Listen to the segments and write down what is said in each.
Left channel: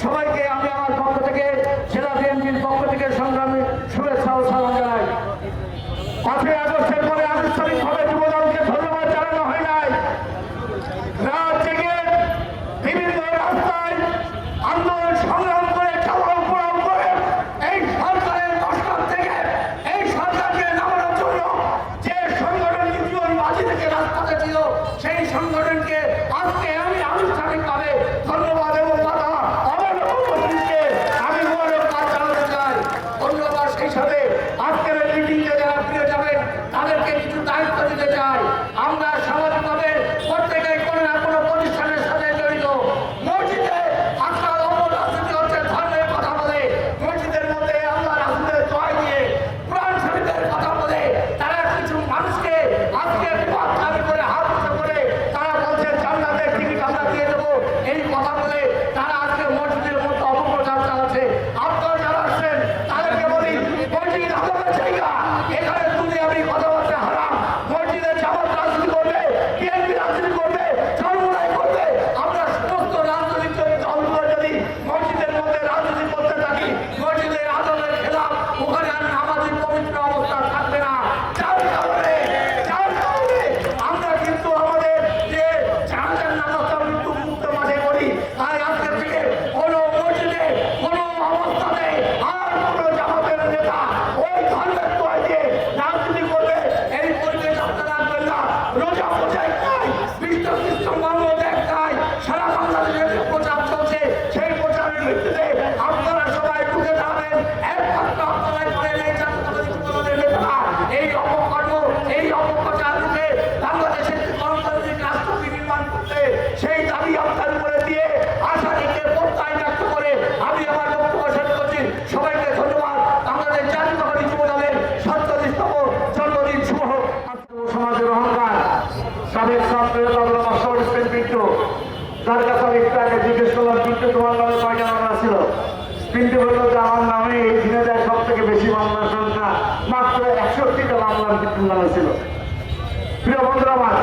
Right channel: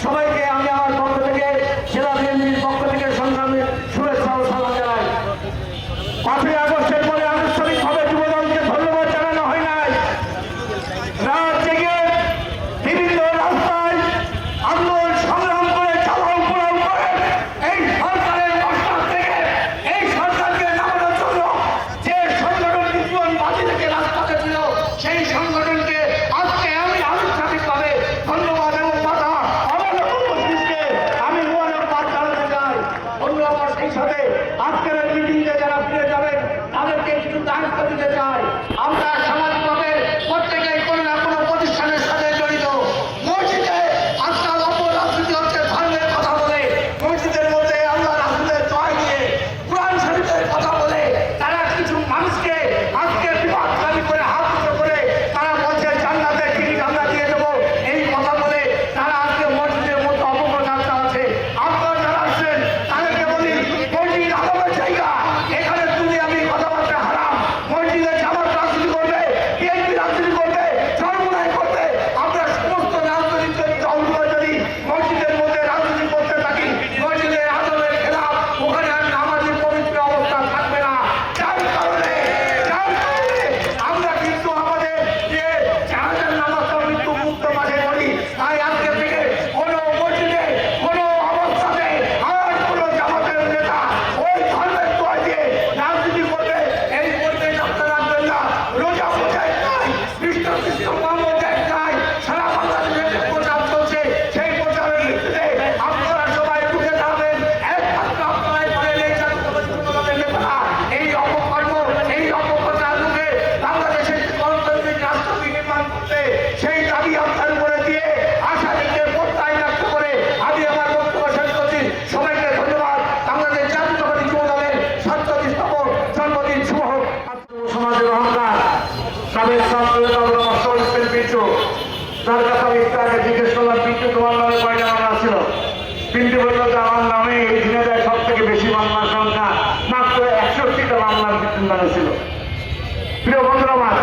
সবাইকে আমি আমার পক্ষ থেকে সেরা ಮಕ್ಕಳಲ್ಲಿ ಟೀಚರ್ ছিল তিনটি পর্যন্ত আমার নামে এই ঝিনাজায় সব থেকে বেশি মামলার সংখ্যা মাত্র একষট্টিটা মামলার নামে ছিল প্রিয় বন্ধু আমার,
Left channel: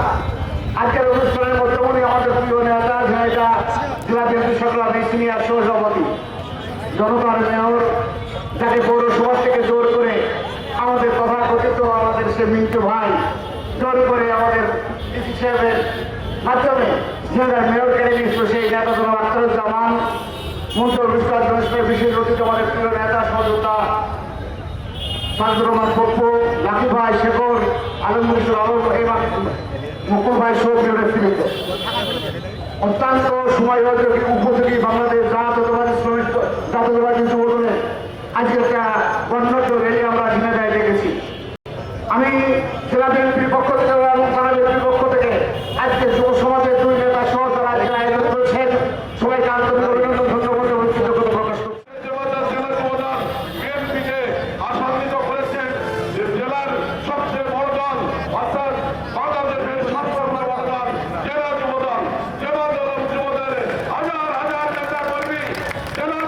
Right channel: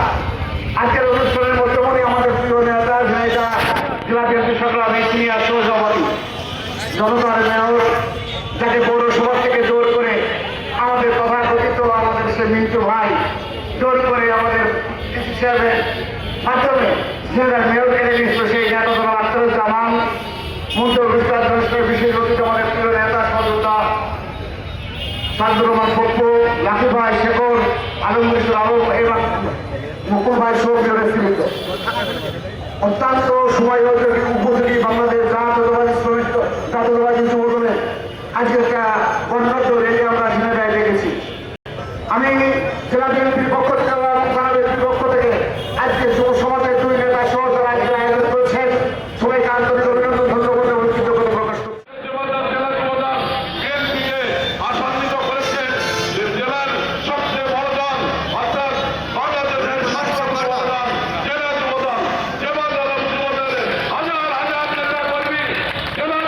আজকের অনুষ্ঠানের বর্তমানে আমাদের প্রিয় নেতা ঝিনাইদা জেলা বিএনপি সংগ্রাম ইঞ্জিনিয়ার সহসভাপতি জনতার মেয়র যাকে পৌরসভা থেকে জোর করে আমাদের তথাকথিত আমাদের সে মিন্টু ভাই, জোর করে আমাদের হিসাবে মাধ্যমে ঝিনাজার মেয়র কেড়ে নিচ্ছ সেই জানাতন আত্মজামান মুখ্য বিচার অনুষ্ঠানে বিশেষ অতিথি আমাদের প্রিয় নেতা, সদস্যতা শান্তকুমার পক্ষ, ইয়াকুব ভাই, শেখর আলমগীর ইসলাম এরা মুকুল ভাই সৌর অত্যন্ত সময় হয়তো উপযোগী বাংলাদেশ গ্রাম এবং